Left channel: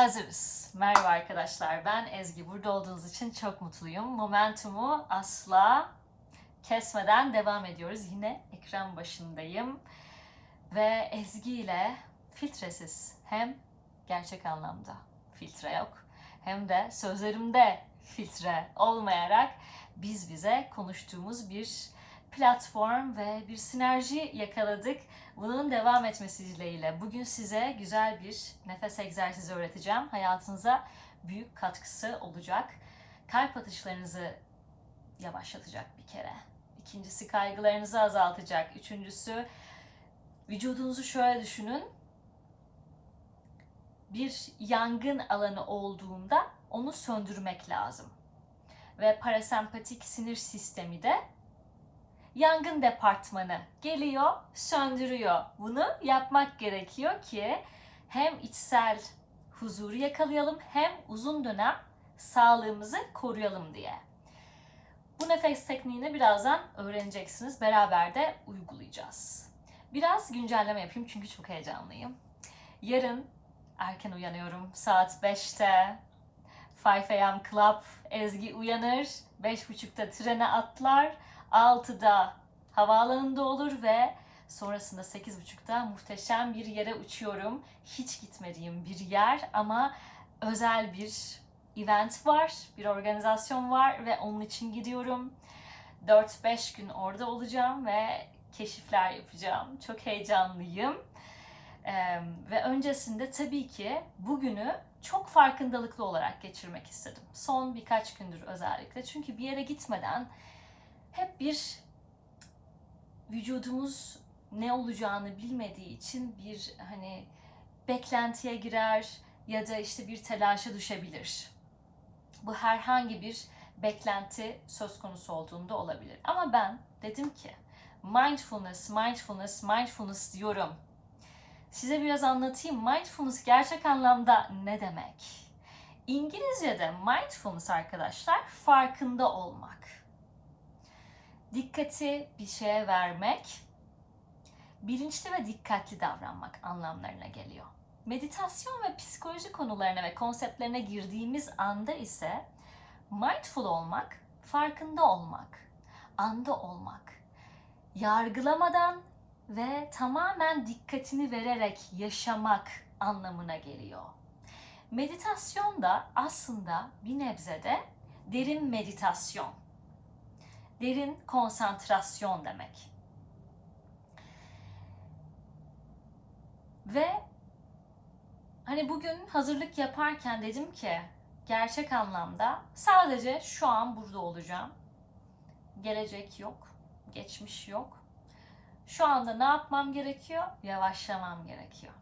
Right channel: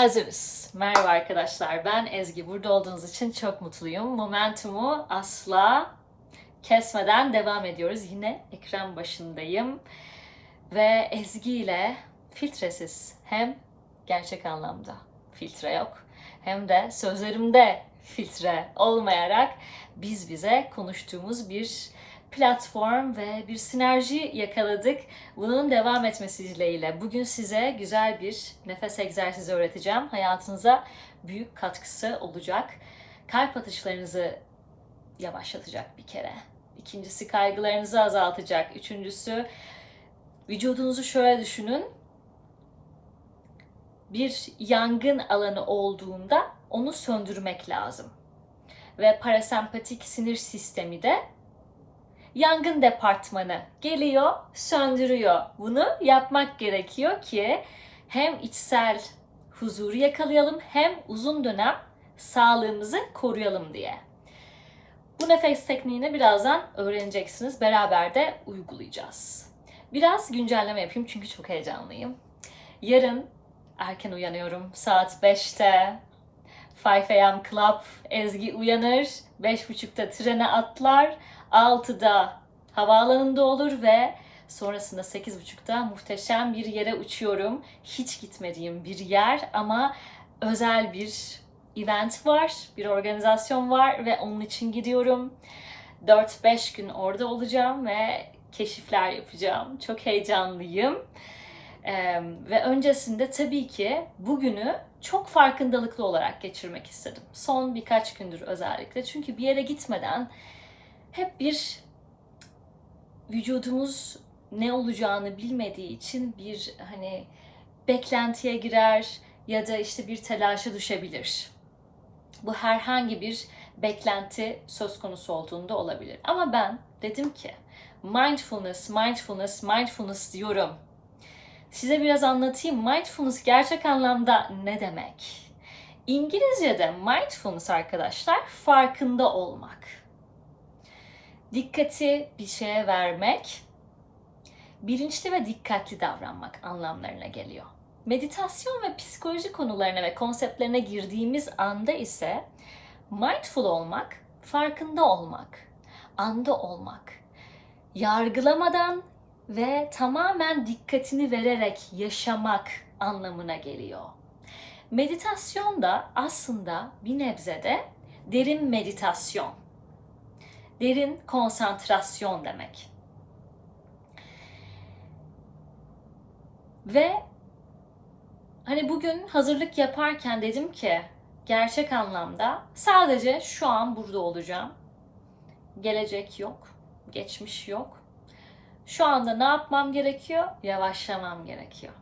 Hazırız. Merhaba arkadaşlar. Ben Ezgi. Burada olduğunuz için çok mutluyum. Momentumu asla kesmeden devam ediyoruz. Yine ekran başındayım. Ve Ezgi ile filtresiz hem gerçek anlamda filtre yok hem de sözlerimde filtre olmayarak biz bize konuştuğumuz bir platform ve bir sinerji yakaladık. Bunun devam etmesi dileğiyle bugün size güzel bir nefes egzersizi öğreteceğim. Hayatınıza büyük katkısı olacak. Kalp atışlarınızı yavaşlatacak bir kere. İkincisi kaygılarınızı azaltacak. Üçüncüsü vücudunuzu şöyle düşünün. Bir yangın alanı olduğunda onu söndürmek lazım. Ve parasempatik sinir sistemi de yangın departmanı geliyor, söndürüyor. Bunu yapmak gerekiyor ki hem içsel huzuru yakalayalım hem uzun dönem sağlığımızı koruyalım diye. Bu nefes tekniğini birazdan öğreneceksiniz. Beraber de uygulayacağız. Biraz güncelleme yapayım çünkü çok heyecanlıyım. Yarın erken uyanıyorum. Saat 5'te 5 a.m. Club Ezgi uyanır. 5.30'da trene atlar. 6'da havaalanında olur ve sonrasında 8.30'da muhteşem bir yere uçuyorum. Hiç gitmediğim bir yer ama özel bir event var, bir organizasyon var ve onun için gidiyorum. 4-5 gün orada olacağım ve keşifler yapacağım. Çok heyecanlıyım. Ee, ve öncesinde tabii ki bugünü çok farkındalıklı olarak geçirmek istedim. Son birkaç gündür özellikle. Çünkü bir yere gitmeden hep bir vücudumuz ne olacağını bilmediği için bir hani beklentiye girer ya da işte bir telaşa düşebilir. Bu herhangi bir beklenti söz konusu olduğunda olabilir. Ama ben dedim ki mindfulness, mindfulness, mindfulness diyorum. Size biraz anlatayım. Mindfulness gerçek anlamda ne demek? İngilizce'de mindfulness arkadaşlar farkında olmak dikkati bir şeye vermek, bilinçli ve dikkatli davranmak anlamlarına geliyor. Meditasyon ve psikoloji konularına ve konseptlerine girdiğimiz anda ise mindful olmak, farkında olmak, anda olmak, yargılamadan ve tamamen dikkatini vererek yaşamak anlamına geliyor. Meditasyon da aslında bir nebzede derin meditasyon derin konsantrasyon demek. Ve hani bugün hazırlık yaparken dedim ki gerçek anlamda sadece şu an burada olacağım. Gelecek yok, geçmiş yok. Şu anda ne yapmam gerekiyor? Yavaşlamam gerekiyor.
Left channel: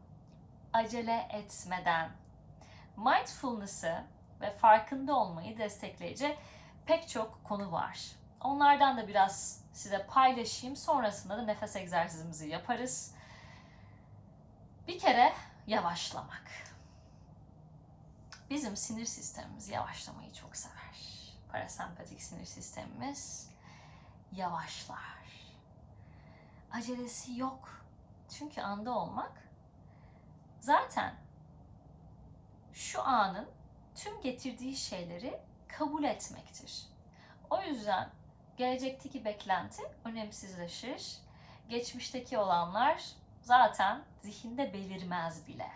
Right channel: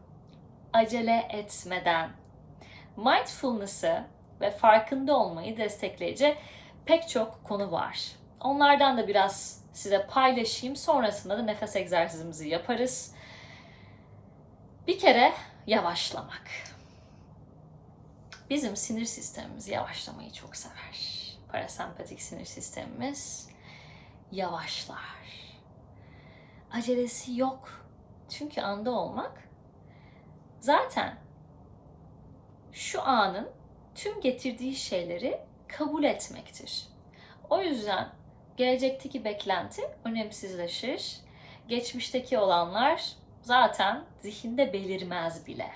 Acele etmeden mindfulness'ı ve farkında olmayı destekleyici pek çok konu var. Onlardan da biraz size paylaşayım. Sonrasında da nefes egzersizimizi yaparız. Bir kere yavaşlamak. Bizim sinir sistemimiz yavaşlamayı çok sever. Parasempatik sinir sistemimiz yavaşlar. Acelesi yok. Çünkü anda olmak zaten şu anın tüm getirdiği şeyleri kabul etmektir. O yüzden gelecekteki beklenti önemsizleşir. Geçmişteki olanlar zaten zihinde belirmez bile.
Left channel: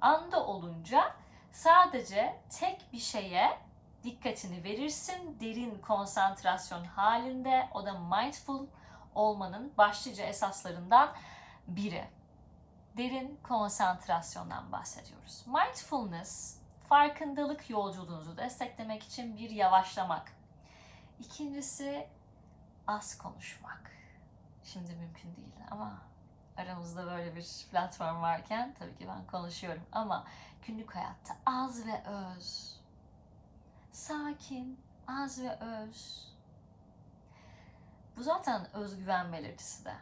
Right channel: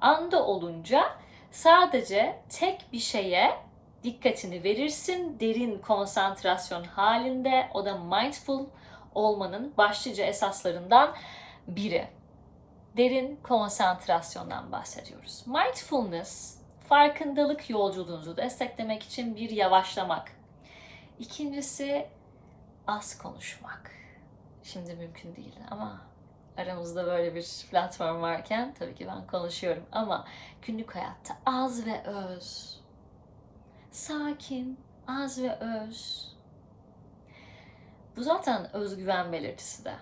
Anda olunca sadece tek bir şeye dikkatini verirsin derin konsantrasyon halinde. O da mindful olmanın başlıca esaslarından biri. Derin konsantrasyondan bahsediyoruz. Mindfulness farkındalık yolculuğunuzu desteklemek için bir yavaşlamak. İkincisi az konuşmak. Şimdi mümkün değil ama aramızda böyle bir platform varken tabii ki ben konuşuyorum ama günlük hayatta az ve öz. Sakin, az ve öz. Bu zaten özgüven belirtisi de.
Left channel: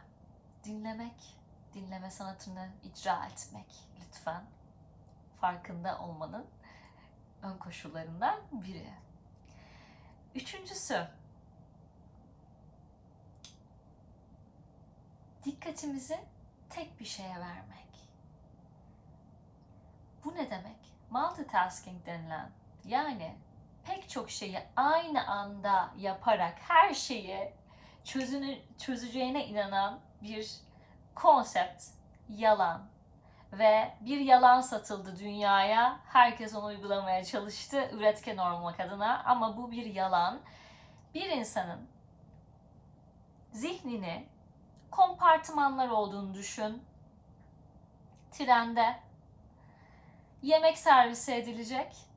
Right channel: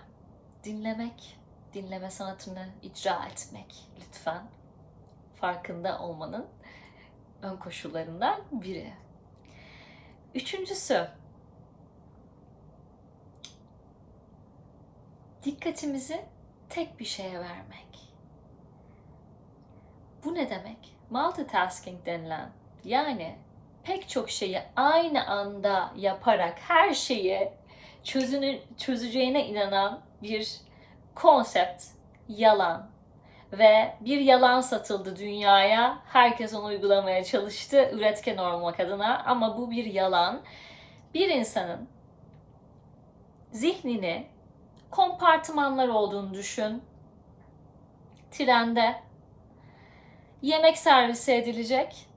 Dinlemek, dinleme sanatını icra etmek lütfen. Farkında olmanın ön koşullarından biri. Üçüncüsü, dikkatimizi tek bir şeye vermek. Bu ne demek? Multitasking denilen yani pek çok şeyi aynı anda yaparak her şeyi çözünü, çözeceğine inanan bir konsept yalan ve bir yalan satıldı dünyaya. Herkes onu uygulamaya çalıştı üretken olmak adına ama bu bir yalan. Bir insanın zihnini kompartımanlar olduğunu düşün. Trende yemek servisi edilecek.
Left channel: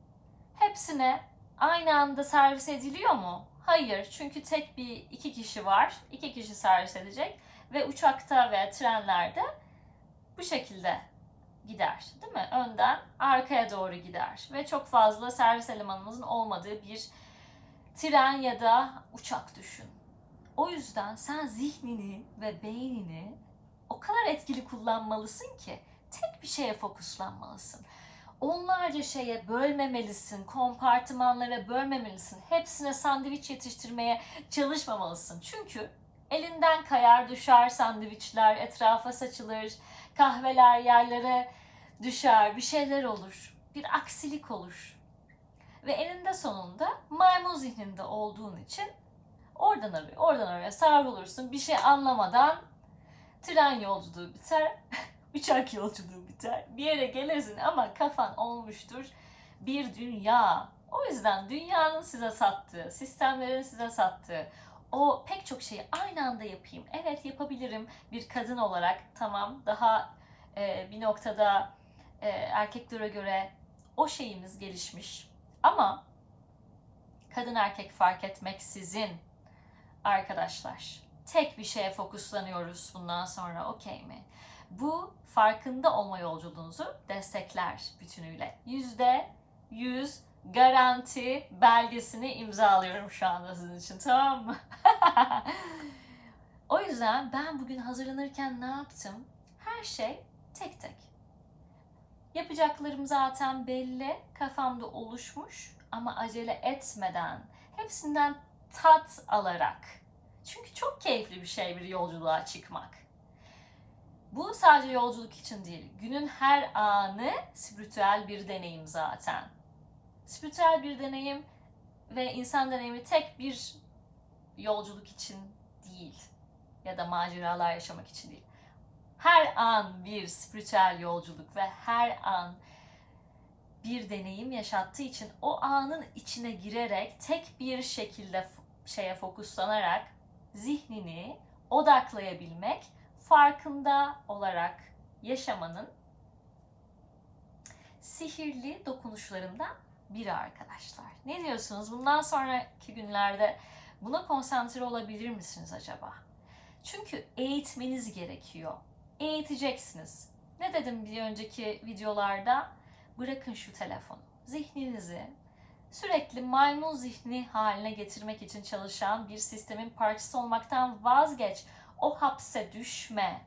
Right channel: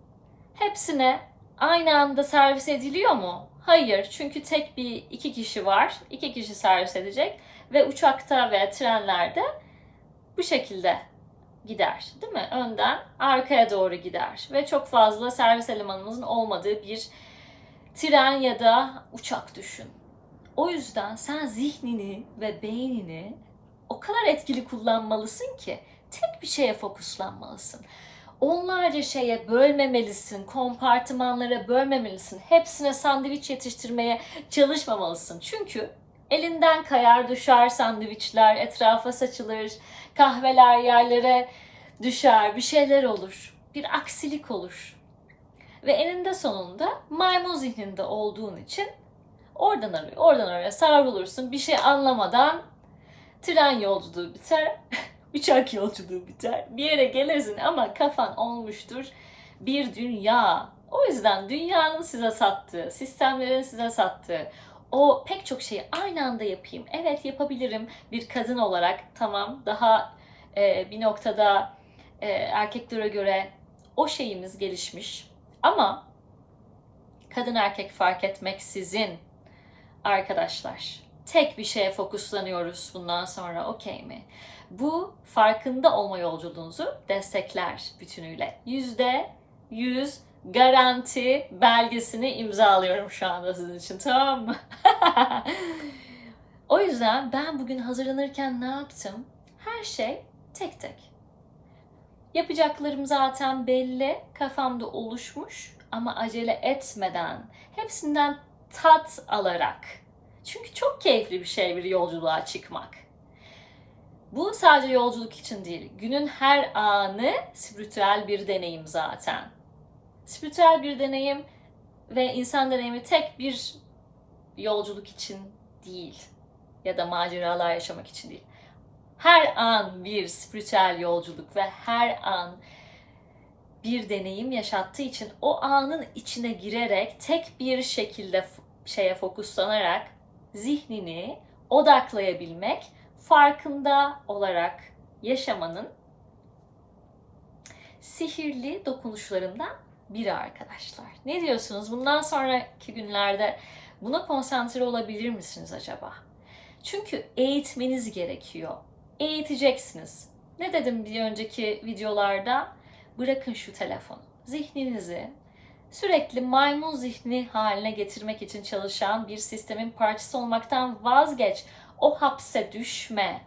Hepsine aynı anda servis ediliyor mu? Hayır. Çünkü tek bir iki kişi var. iki kişi servis edecek ve uçakta ve trenlerde bu şekilde gider. Değil mi? Önden arkaya doğru gider ve çok fazla servis elemanımızın olmadığı bir tren ya da uçak düşün. O yüzden sen zihnini ve beynini o kadar etkili kullanmalısın ki tek bir şeye fokuslanmalısın. Onlarca şeye bölmemelisin, kompartımanlara bölmemelisin. Hepsine sandviç yetiştirmeye çalışmamalısın. Çünkü elinden kayar düşer sandviçler, etrafa saçılır, kahveler yerlere düşer, bir şeyler olur. Bir aksilik olur. Ve eninde sonunda maymun zihninde olduğun için oradan oraya, oradan oraya savrulursun. Bir şey anlamadan tren yolculuğu biter, uçak yolculuğu biter. Bir yere gelirsin ama kafan olmuştur bir dünya. O yüzden dünyanın size sattığı, sistemlerin size sattığı o pek çok şeyi aynı anda yapayım. Evet yapabilirim bir kadın olarak tamam daha e, bir noktada e, erkeklere göre o şeyimiz gelişmiş. Ama kadın erkek fark etmeksizin arkadaşlar tek bir şeye fokuslanıyoruz bundan sonra okey mi? Bu farkında olma yolculuğunuzu destekler bütünüyle. Yüzde yüz garanti belgesini imzalıyorum şu anda sizin için tamam mı? o yüzden ben bugün hazırlanırken ne yaptım? Her şey tek tek. Yapacaklarım zaten belli, kafamda oluşmuş ama acele etmeden, hepsinden tat alarak. Çünkü çok keyifli bir şey bir yolculuğa çıkmak. Bu sadece yolculuk için değil, günün her anı spiritüel bir deneyim zaten. Spiritüel bir deneyim ve insan deneyimi tek bir yolculuk için değil ya da maceralar yaşamak için değil her an bir spiritüel yolculuk ve her an bir deneyim yaşattığı için o anın içine girerek tek bir şekilde şeye fokuslanarak zihnini odaklayabilmek, farkında olarak yaşamanın sihirli dokunuşlarından biri arkadaşlar. Ne diyorsunuz? Bundan sonraki günlerde buna konsantre olabilir misiniz acaba? Çünkü eğitmeniz gerekiyor eğiteceksiniz. Ne dedim bir önceki videolarda? Bırakın şu telefonu. Zihninizi sürekli maymun zihni haline getirmek için çalışan bir sistemin parçası olmaktan vazgeç. O hapse düşme.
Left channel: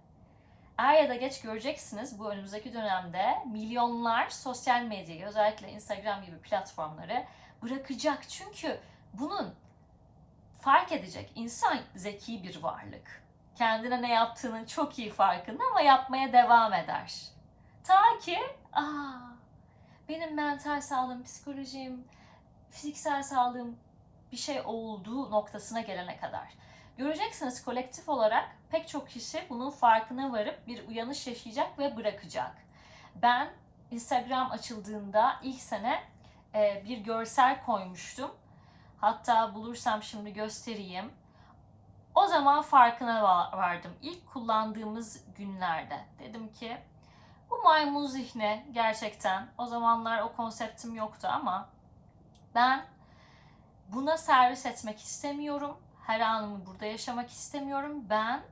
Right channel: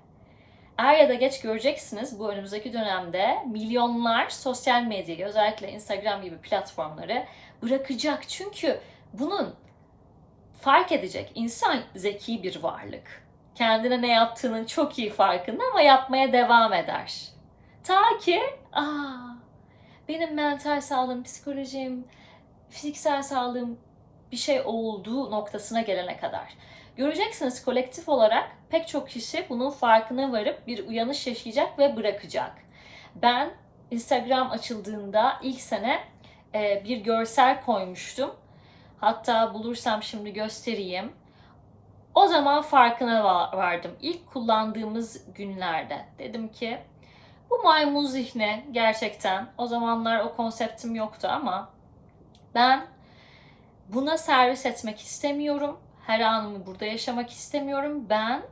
Er ya da geç göreceksiniz bu önümüzdeki dönemde milyonlar sosyal medyayı özellikle Instagram gibi platformları bırakacak. Çünkü bunun fark edecek insan zeki bir varlık kendine ne yaptığının çok iyi farkında ama yapmaya devam eder. Ta ki aa, benim mental sağlığım, psikolojim, fiziksel sağlığım bir şey olduğu noktasına gelene kadar. Göreceksiniz kolektif olarak pek çok kişi bunun farkına varıp bir uyanış yaşayacak ve bırakacak. Ben Instagram açıldığında ilk sene e, bir görsel koymuştum. Hatta bulursam şimdi göstereyim o zaman farkına vardım. İlk kullandığımız günlerde dedim ki bu maymun zihni gerçekten o zamanlar o konseptim yoktu ama ben buna servis etmek istemiyorum. Her anımı burada yaşamak istemiyorum. Ben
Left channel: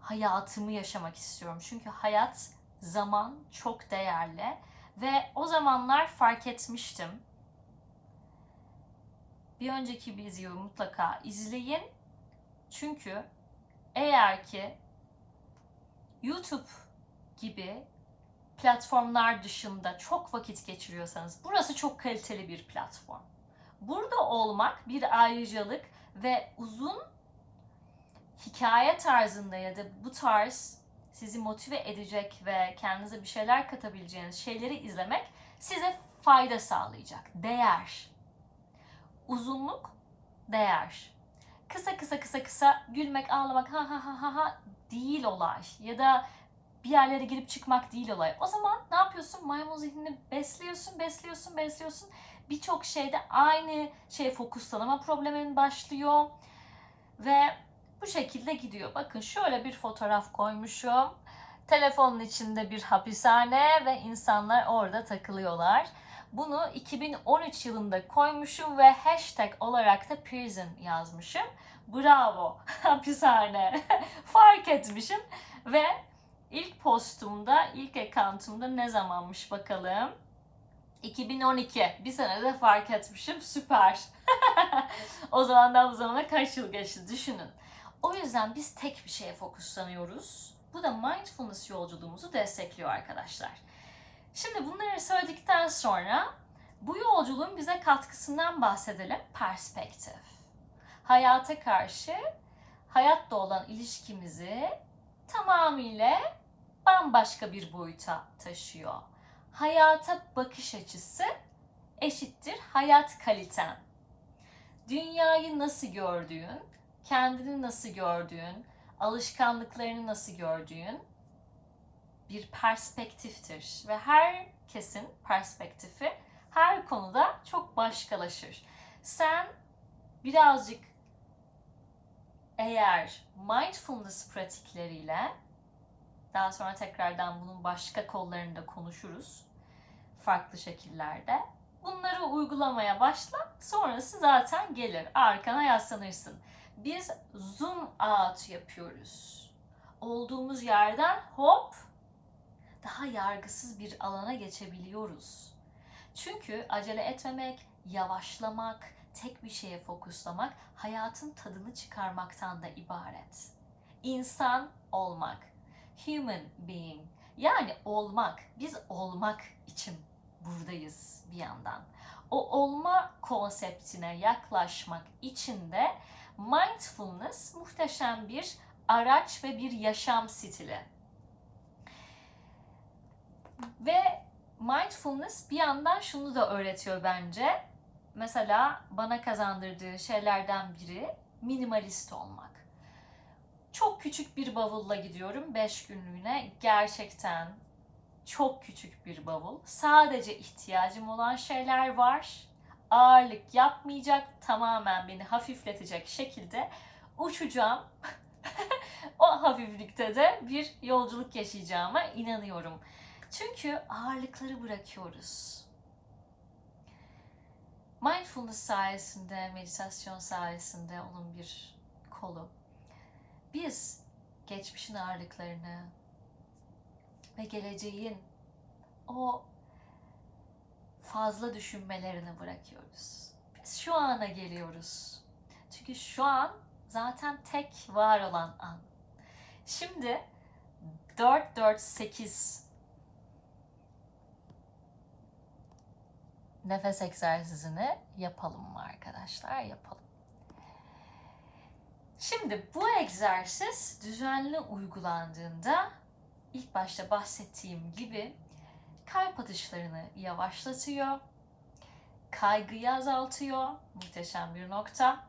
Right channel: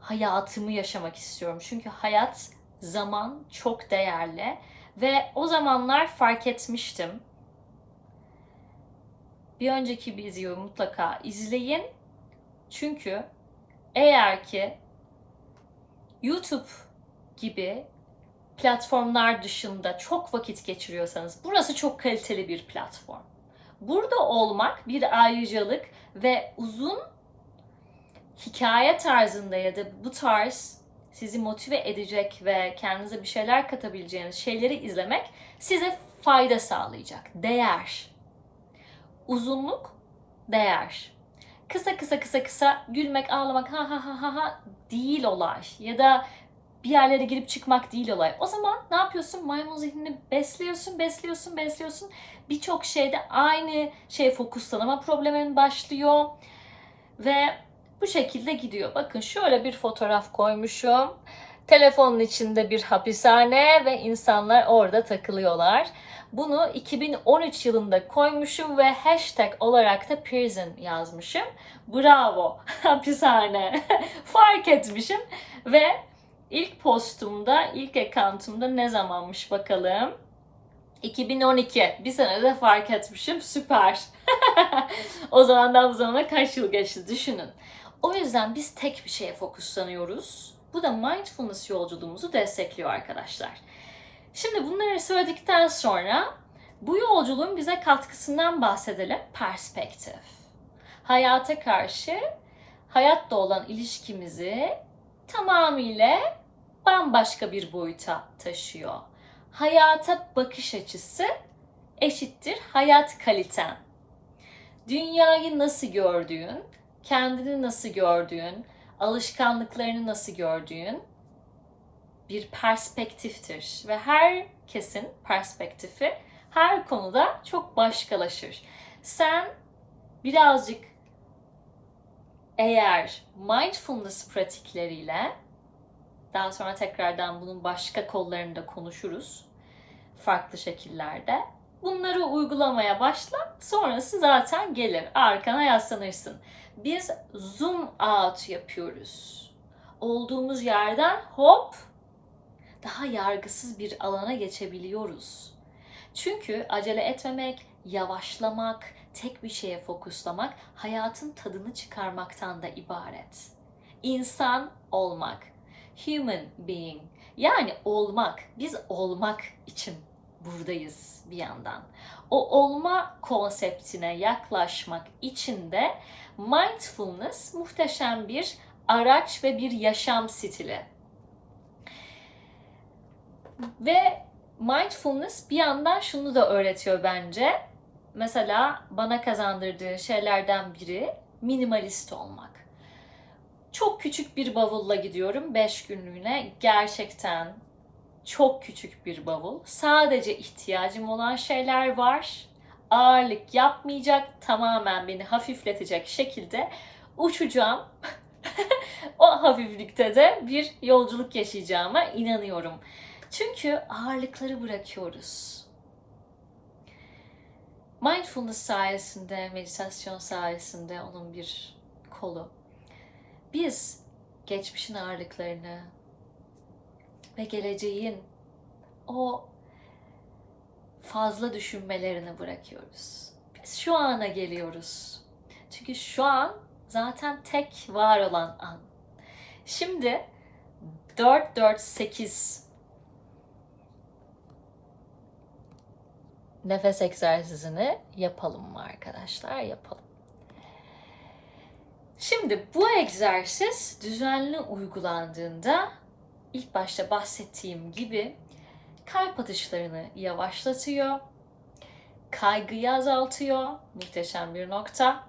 hayatımı yaşamak istiyorum. Çünkü hayat, zaman çok değerli ve o zamanlar fark etmiştim. Bir önceki videoyu mutlaka izleyin çünkü eğer ki YouTube gibi platformlar dışında çok vakit geçiriyorsanız burası çok kaliteli bir platform. Burada olmak bir ayrıcalık ve uzun hikaye tarzında ya da bu tarz sizi motive edecek ve kendinize bir şeyler katabileceğiniz şeyleri izlemek size fayda sağlayacak. Değer. Uzunluk, değer. Kısa kısa kısa kısa gülmek, ağlamak ha ha ha ha değil olay. Ya da bir yerlere girip çıkmak değil olay. O zaman ne yapıyorsun? Maymun zihnini besliyorsun, besliyorsun, besliyorsun. Birçok şeyde aynı şeye fokuslanama problemin başlıyor. Ve bu şekilde gidiyor. Bakın şöyle bir fotoğraf koymuşum. Telefonun içinde bir hapishane ve insanlar orada takılıyorlar. Bunu 2013 yılında koymuşum ve hashtag olarak da prison yazmışım. Bravo hapishane fark etmişim ve ilk postumda ilk accountumda ne zamanmış bakalım. 2012 bir senede fark etmişim süper. o zamandan bu zamana kaç yıl geçti düşünün. O yüzden biz tek bir şeye fokuslanıyoruz. Bu da mindfulness yolculuğumuzu destekliyor arkadaşlar. Şimdi bunları söyledikten sonra bu yolculuğun bize katkısından bahsedelim. Perspektif. Hayata karşı hayatla olan ilişkimizi tamamıyla bambaşka bir boyuta taşıyor. Hayata bakış açısı eşittir hayat kaliten. Dünyayı nasıl gördüğün, kendini nasıl gördüğün, alışkanlıklarını nasıl gördüğün bir perspektiftir ve herkesin perspektifi her konuda çok başkalaşır. Sen birazcık eğer mindfulness pratikleriyle daha sonra tekrardan bunun başka kollarında konuşuruz farklı şekillerde. Bunları uygulamaya başla. Sonrası zaten gelir. Arkana yaslanırsın. Biz zoom out yapıyoruz. Olduğumuz yerden hop daha yargısız bir alana geçebiliyoruz. Çünkü acele etmemek, yavaşlamak, tek bir şeye fokuslamak hayatın tadını çıkarmaktan da ibaret. İnsan olmak, human being yani olmak, biz olmak için buradayız bir yandan. O olma konseptine yaklaşmak için de mindfulness muhteşem bir araç ve bir yaşam stili. Ve mindfulness bir yandan şunu da öğretiyor bence. Mesela bana kazandırdığı şeylerden biri minimalist olmak. Çok küçük bir bavulla gidiyorum 5 günlüğüne. Gerçekten çok küçük bir bavul. Sadece ihtiyacım olan şeyler var. Ağırlık yapmayacak, tamamen beni hafifletecek şekilde uçacağım. o hafiflikte de bir yolculuk yaşayacağıma inanıyorum. Çünkü ağırlıkları bırakıyoruz. Mindfulness sayesinde, meditasyon sayesinde onun bir kolu. Biz geçmişin ağırlıklarını ve geleceğin o fazla düşünmelerini bırakıyoruz. Biz şu ana geliyoruz. Çünkü şu an zaten tek var olan an. Şimdi 4 4 8 nefes egzersizini yapalım mı arkadaşlar? Yapalım. Şimdi bu egzersiz düzenli uygulandığında ilk başta bahsettiğim gibi kalp atışlarını yavaşlatıyor, kaygıyı azaltıyor, muhteşem bir nokta.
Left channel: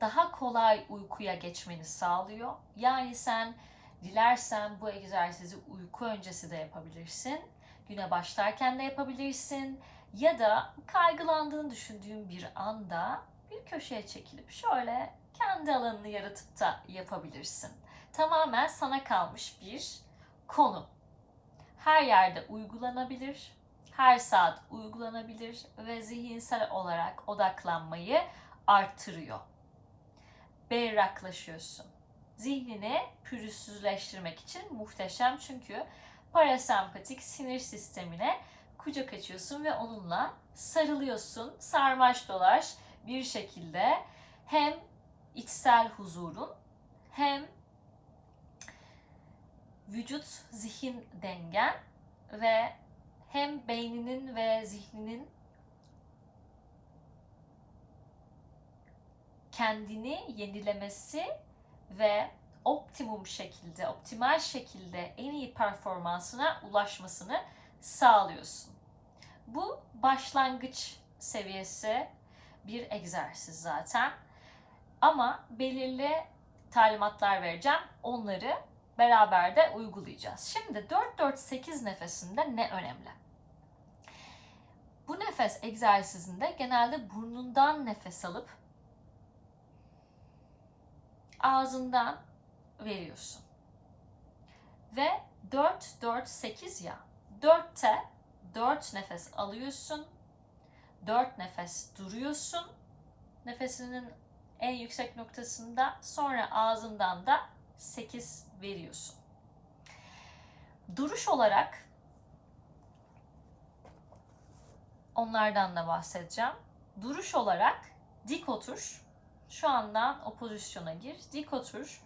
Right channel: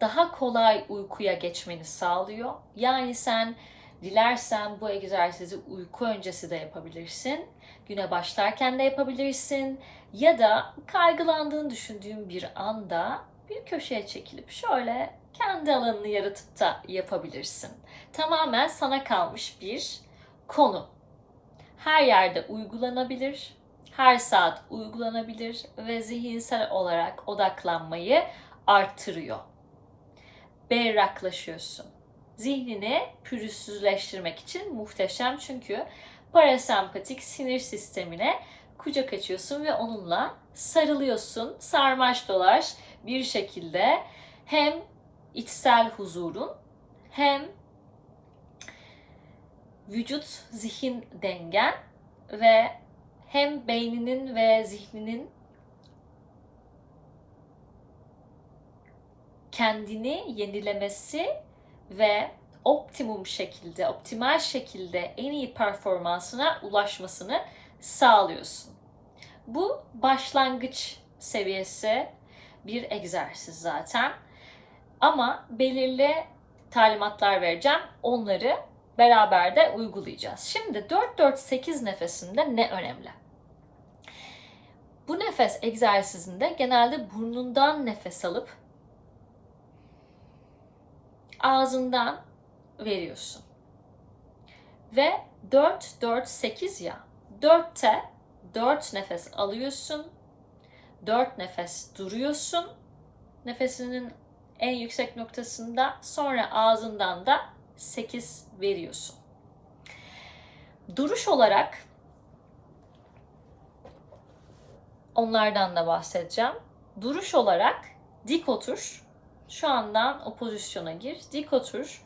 Daha kolay uykuya geçmeni sağlıyor. Yani sen dilersen bu egzersizi uyku öncesi de yapabilirsin. Güne başlarken de yapabilirsin ya da kaygılandığını düşündüğün bir anda bir köşeye çekilip şöyle kendi alanını yaratıp da yapabilirsin. Tamamen sana kalmış bir konu. Her yerde uygulanabilir, her saat uygulanabilir ve zihinsel olarak odaklanmayı arttırıyor. Berraklaşıyorsun. Zihnini pürüzsüzleştirmek için muhteşem çünkü parasempatik sinir sistemine kucak açıyorsun ve onunla sarılıyorsun. Sarmaş dolaş bir şekilde hem içsel huzurun hem vücut zihin dengen ve hem beyninin ve zihninin kendini yenilemesi ve optimum şekilde, optimal şekilde en iyi performansına ulaşmasını sağlıyorsun. Bu başlangıç seviyesi bir egzersiz zaten. Ama belirli talimatlar vereceğim. Onları beraber de uygulayacağız. Şimdi 4-4-8 nefesinde ne önemli? Bu nefes egzersizinde genelde burnundan nefes alıp ağzından veriyorsun. Ve 4-4-8 ya. 4'te 4 nefes alıyorsun. 4 nefes duruyorsun. Nefesinin en yüksek noktasında sonra ağzından da 8 veriyorsun. Duruş olarak onlardan da bahsedeceğim. Duruş olarak dik otur. Şu andan o pozisyona gir. Dik otur.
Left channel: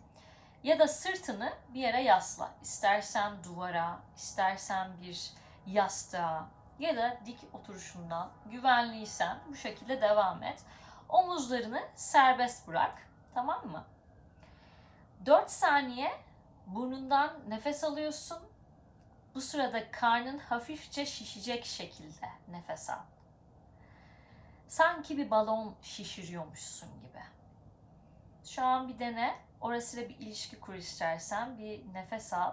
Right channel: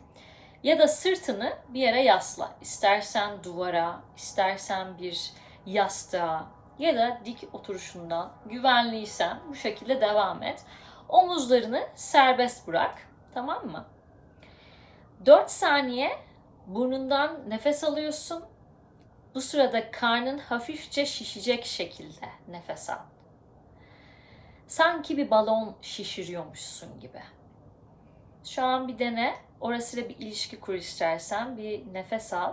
Ya da sırtını bir yere yasla. İstersen duvara, istersen bir yastığa ya da dik oturuşundan güvenliysen bu şekilde devam et. Omuzlarını serbest bırak. Tamam mı? 4 saniye burnundan nefes alıyorsun. Bu sırada karnın hafifçe şişecek şekilde nefes al. Sanki bir balon şişiriyormuşsun gibi. Şu an bir dene. Orasıyla bir ilişki kur istersen. Bir nefes al.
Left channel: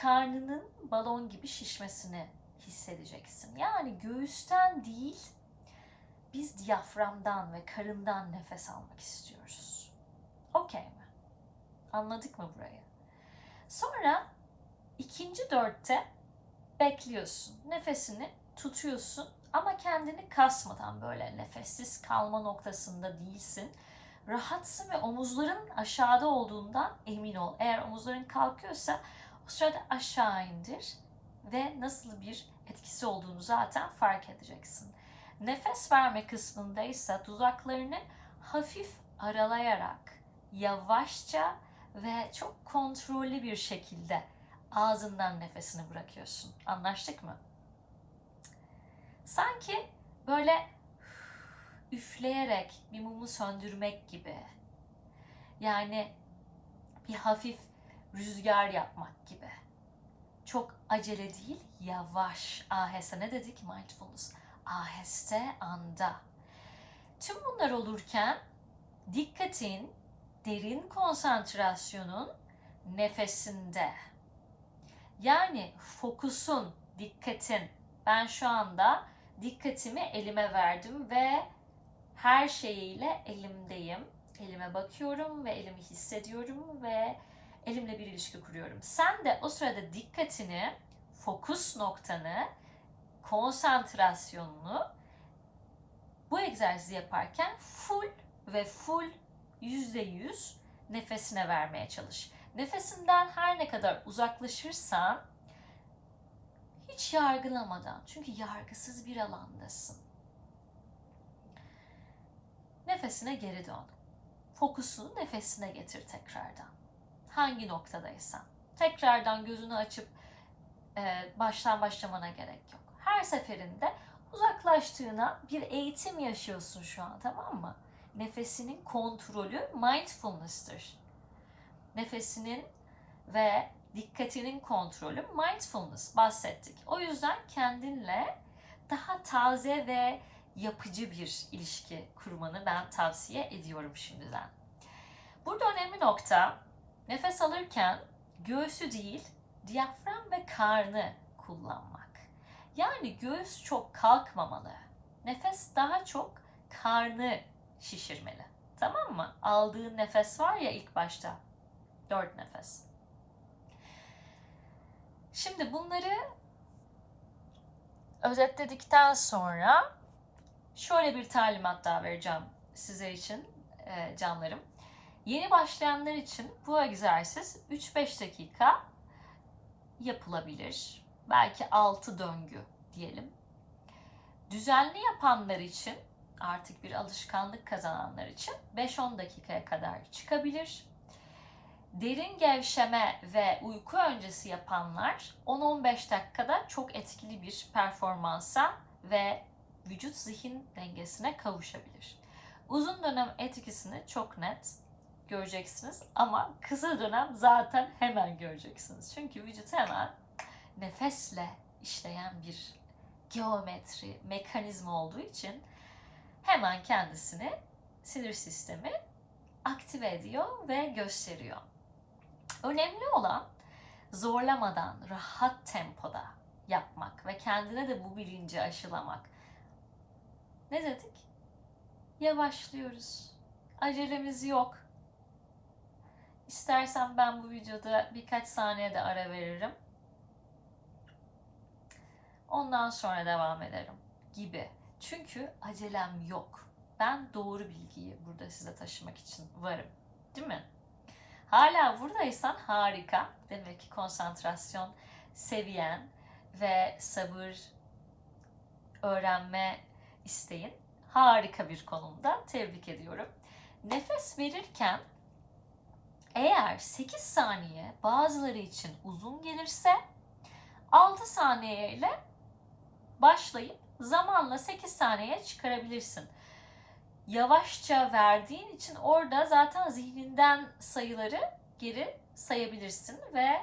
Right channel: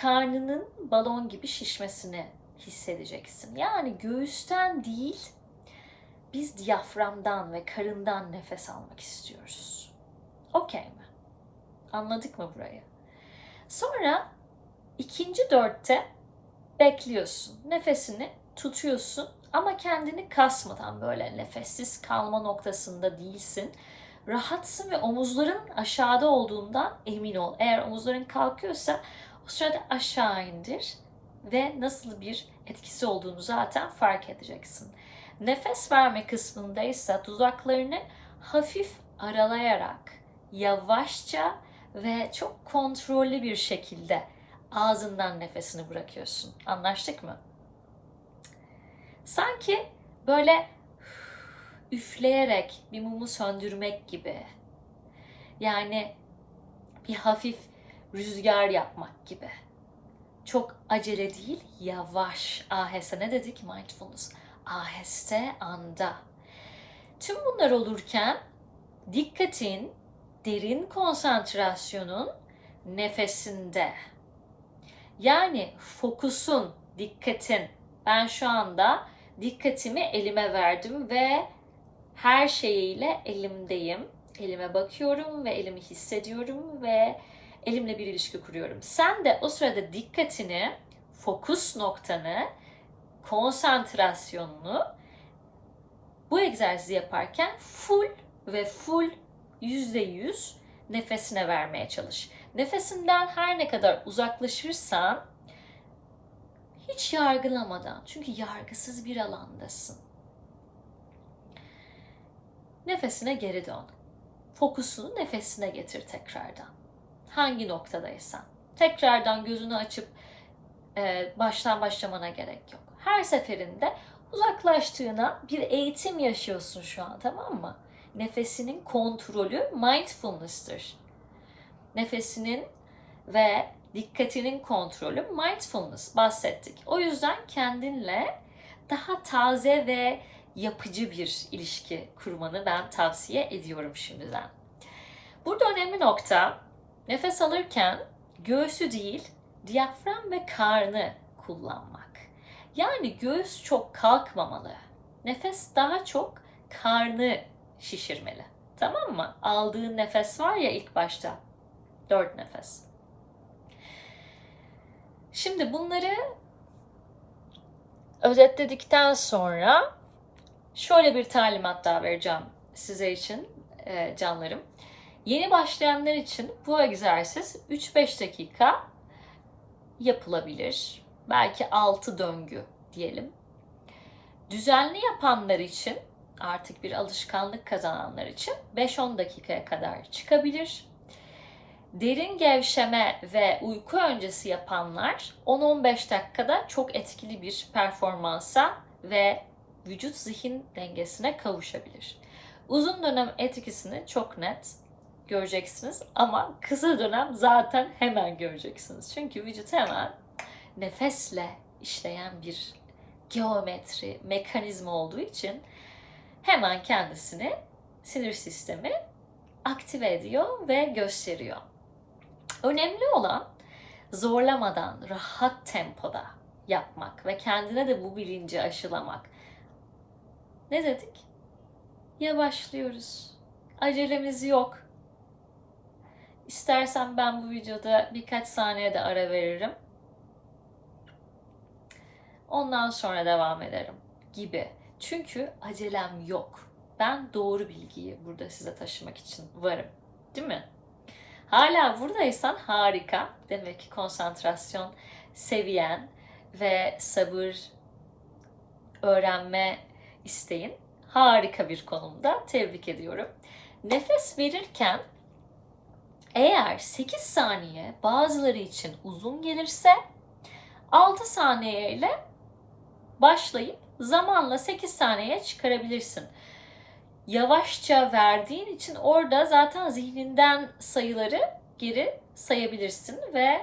Karnının balon gibi şişmesini hissedeceksin. Yani göğüsten değil, biz diyaframdan ve karından nefes almak istiyoruz. Okey mi? Anladık mı burayı? Sonra ikinci dörtte bekliyorsun. Nefesini tutuyorsun ama kendini kasmadan böyle nefessiz kalma noktasında değilsin. Rahatsın ve omuzların aşağıda olduğundan emin ol. Eğer omuzların kalkıyorsa o sırada aşağı indir ve nasıl bir etkisi olduğunu zaten fark edeceksin. Nefes verme kısmındaysa dudaklarını hafif aralayarak yavaşça ve çok kontrollü bir şekilde ağzından nefesini bırakıyorsun. Anlaştık mı? Sanki böyle üfleyerek bir mumu söndürmek gibi. Yani bir hafif rüzgar yapmak gibi. Çok acele değil, yavaş. Aheste ne dedik mindfulness? Aheste anda. Tüm bunlar olurken dikkatin, derin konsantrasyonun nefesinde. Yani fokusun, dikkatin. Ben şu anda dikkatimi elime verdim ve her şeyiyle elimdeyim. Elime bakıyorum ve elimi hissediyorum ve elimle bir ilişki kuruyorum. Sen de o sırada dikkatini, fokus noktanı, konsantrasyonunu bu egzersizi yaparken full ve full yüzde yüz nefesine vermeye çalış. Nefesinden her ne kadar uzaklaşırsan hiç yargılamadan çünkü yargısız bir alandasın. Nefesine geri dön. Fokusunu nefesine getir tekrardan. Hangi noktadaysan. Tekrardan gözünü açıp e, baştan başlamana gerek yok. Her seferinde uzaklaştığına bir eğitim yaşıyorsun şu an tamam mı? Nefesinin kontrolü mindfulness'tır. Nefesinin ve dikkatinin kontrolü mindfulness bahsettik. O yüzden kendinle daha taze ve yapıcı bir ilişki kurmanı ben tavsiye ediyorum şimdiden. Burada önemli nokta nefes alırken göğsü değil diyafram ve karnı kullanmak. Yani göğüs çok kalkmamalı. Nefes daha çok karnı şişirmeli. Tamam mı? Aldığın nefes var ya ilk başta. Dört nefes. Şimdi bunları özetledikten sonra şöyle bir talimat daha vereceğim size için e, canlarım. Yeni başlayanlar için bu egzersiz 3-5 dakika yapılabilir. Belki 6 döngü diyelim. Düzenli yapanlar için artık bir alışkanlık kazananlar için 5-10 dakikaya kadar çıkabilir. Derin gevşeme ve uyku öncesi yapanlar 10-15 dakikada çok etkili bir performansa ve vücut zihin dengesine kavuşabilir. Uzun dönem etkisini çok net göreceksiniz ama kısa dönem zaten hemen göreceksiniz. Çünkü vücut hemen nefesle işleyen bir geometri, mekanizma olduğu için hemen kendisini sinir sistemi aktive ediyor ve gösteriyor. Önemli olan zorlamadan, rahat tempoda yapmak ve kendine de bu bilinci aşılamak. Ne dedik? Yavaşlıyoruz. Acelemiz yok. İstersen ben bu videoda birkaç saniye de ara veririm. Ondan sonra devam ederim gibi. Çünkü acelem yok. Ben doğru bilgiyi burada size taşımak için varım. Değil mi? Hala buradaysan harika. Demek ki konsantrasyon seviyen ve sabır öğrenme isteğin harika bir konumda. Tebrik ediyorum. Nefes verirken eğer 8 saniye bazıları için uzun gelirse 6 saniye ile başlayıp zamanla 8 saniyeye çıkarabilirsin. Yavaşça verdiğin için orada zaten zihninden sayıları geri sayabilirsin ve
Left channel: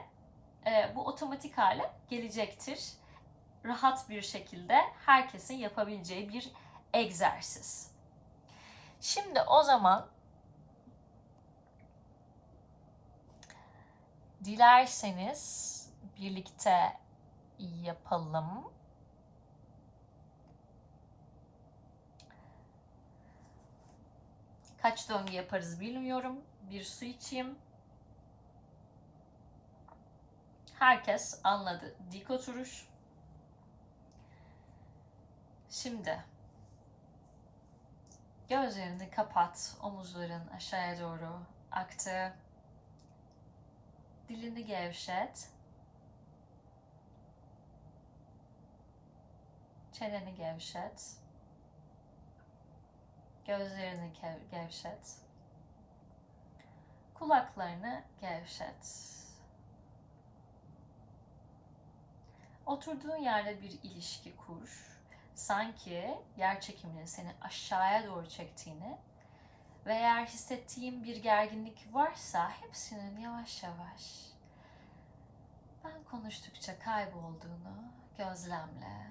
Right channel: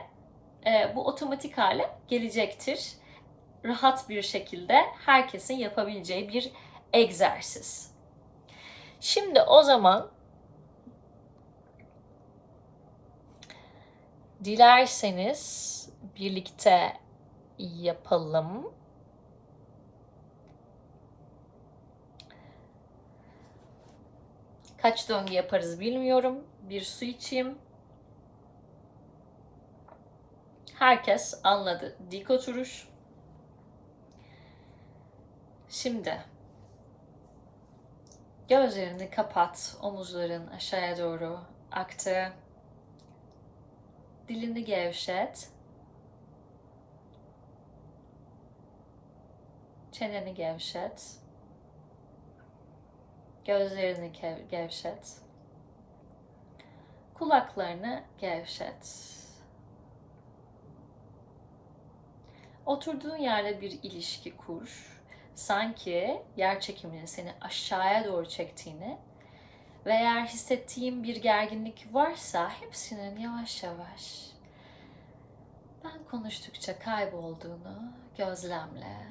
e, bu otomatik hale gelecektir. Rahat bir şekilde herkesin yapabileceği bir egzersiz. Şimdi o zaman dilerseniz birlikte yapalım. Kaç döngü yaparız bilmiyorum. Bir su içeyim. Herkes anladı. Dik oturuş. Şimdi gözlerini kapat. Omuzların aşağıya doğru aktı. Dilini gevşet. Çeneni gevşet. Gözlerini gevşet. Kulaklarını gevşet. Oturduğun yerde bir ilişki kur. Sanki yer çekiminin seni aşağıya doğru çektiğini ve eğer hissettiğin bir gerginlik varsa hepsinin yavaş yavaş ben konuştukça kaybolduğunu gözlemle.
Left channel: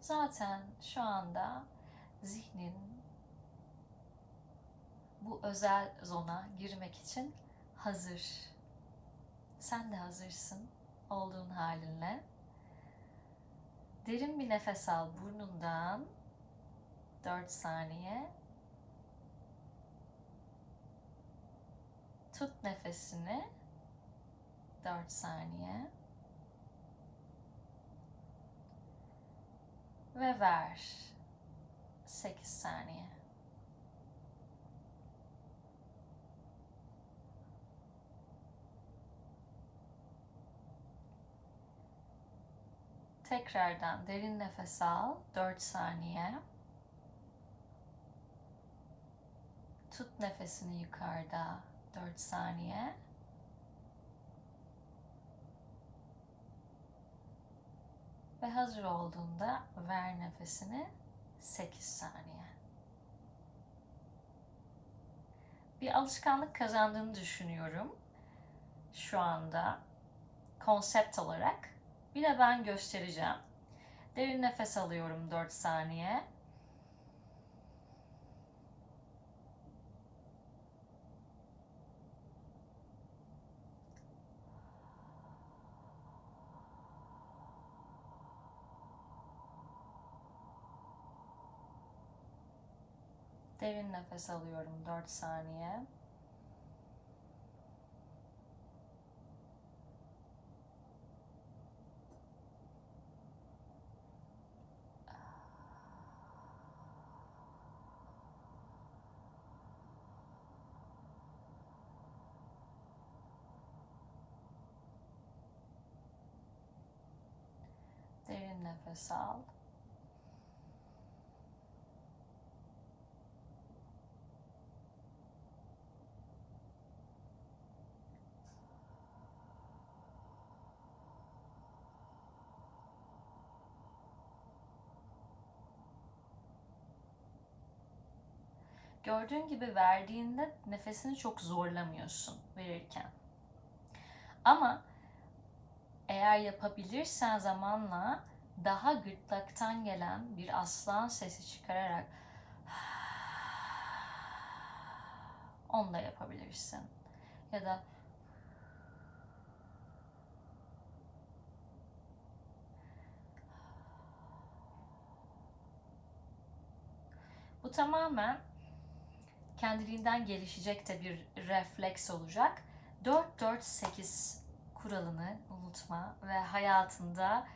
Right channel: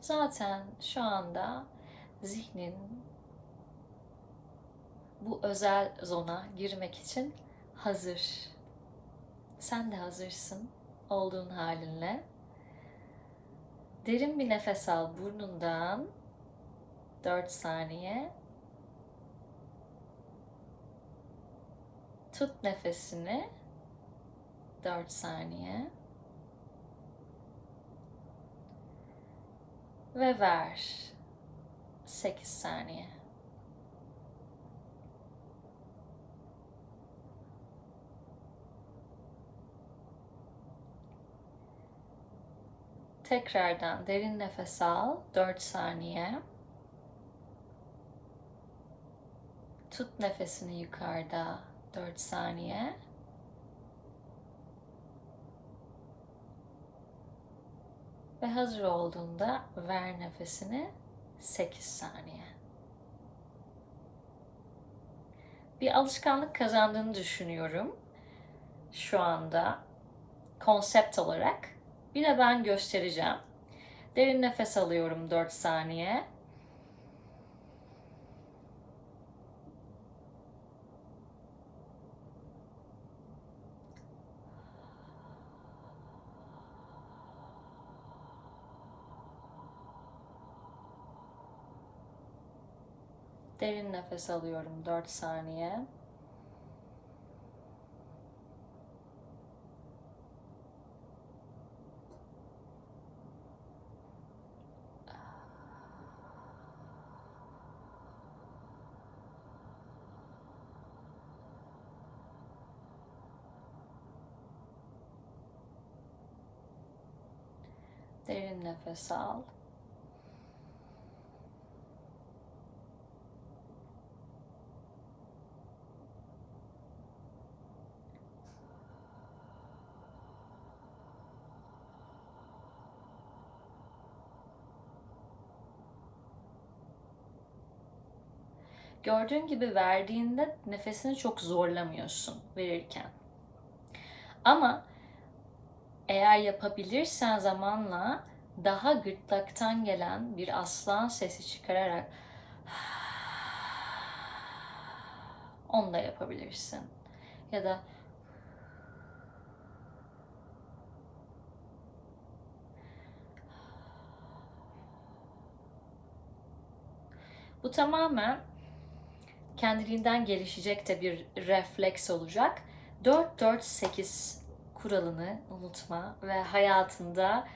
Zaten şu anda zihnin bu özel zona girmek için hazır. Sen de hazırsın olduğun halinle. Derin bir nefes al burnundan. 4 saniye. Tut nefesini. 4 saniye. Ve ver. 8 saniye. Tekrardan derin nefes al. 4 saniye. Tut nefesini yukarıda 4 saniye. Ve hazır olduğunda ver nefesini 8 saniye. Bir alışkanlık kazandığını düşünüyorum şu anda konsept olarak. De ben göstereceğim. Derin nefes alıyorum 4 saniye. Derin nefes alıyorum 4 saniye. Derin nefes al. Gördüğün gibi verdiğinde nefesini çok zorlamıyorsun verirken. Ama eğer yapabilirsen zamanla daha gırtlaktan gelen bir aslan sesi çıkararak onu da yapabilirsin. Ya da Bu tamamen kendiliğinden gelişecek de bir refleks olacak. 4-4-8 kuralını unutma ve hayatında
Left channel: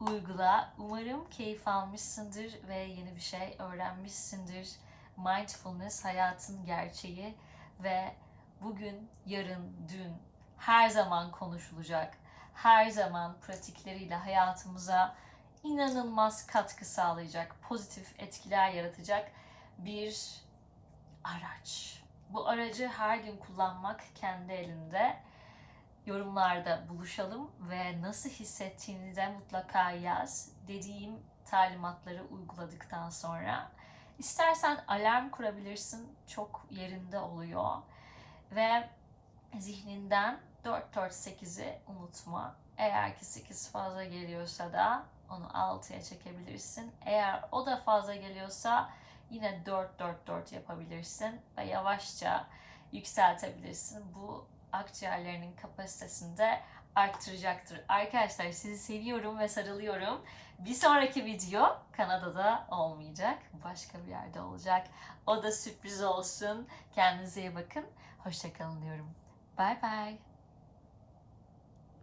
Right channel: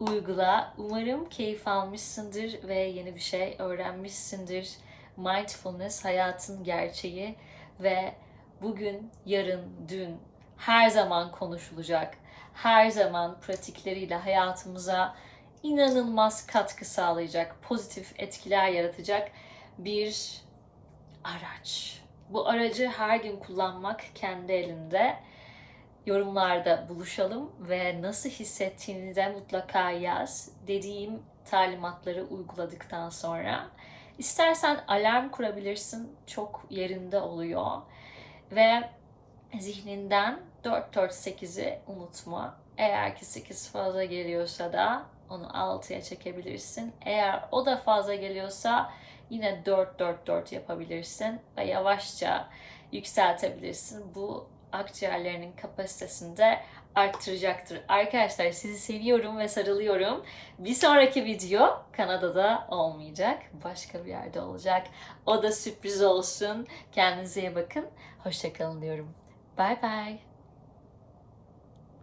uygula. Umarım keyif almışsındır ve yeni bir şey öğrenmişsindir. Mindfulness hayatın gerçeği ve bugün, yarın, dün her zaman konuşulacak. Her zaman pratikleriyle hayatımıza inanılmaz katkı sağlayacak, pozitif etkiler yaratacak bir araç. Bu aracı her gün kullanmak kendi elinde. Yorumlarda buluşalım ve nasıl hissettiğini de mutlaka yaz. Dediğim talimatları uyguladıktan sonra. İstersen alarm kurabilirsin. Çok yerinde oluyor. Ve zihninden 4-4-8'i unutma. Eğer ki 8 fazla geliyorsa da onu 6'ya çekebilirsin. Eğer o da fazla geliyorsa yine 4-4-4 yapabilirsin ve yavaşça yükseltebilirsin. Bu akciğerlerinin kapasitesini de arttıracaktır. Arkadaşlar sizi seviyorum ve sarılıyorum. Bir sonraki video Kanada'da olmayacak. Başka bir yerde olacak. O da sürpriz olsun. Kendinize iyi bakın. Hoşçakalın diyorum. Bye bye.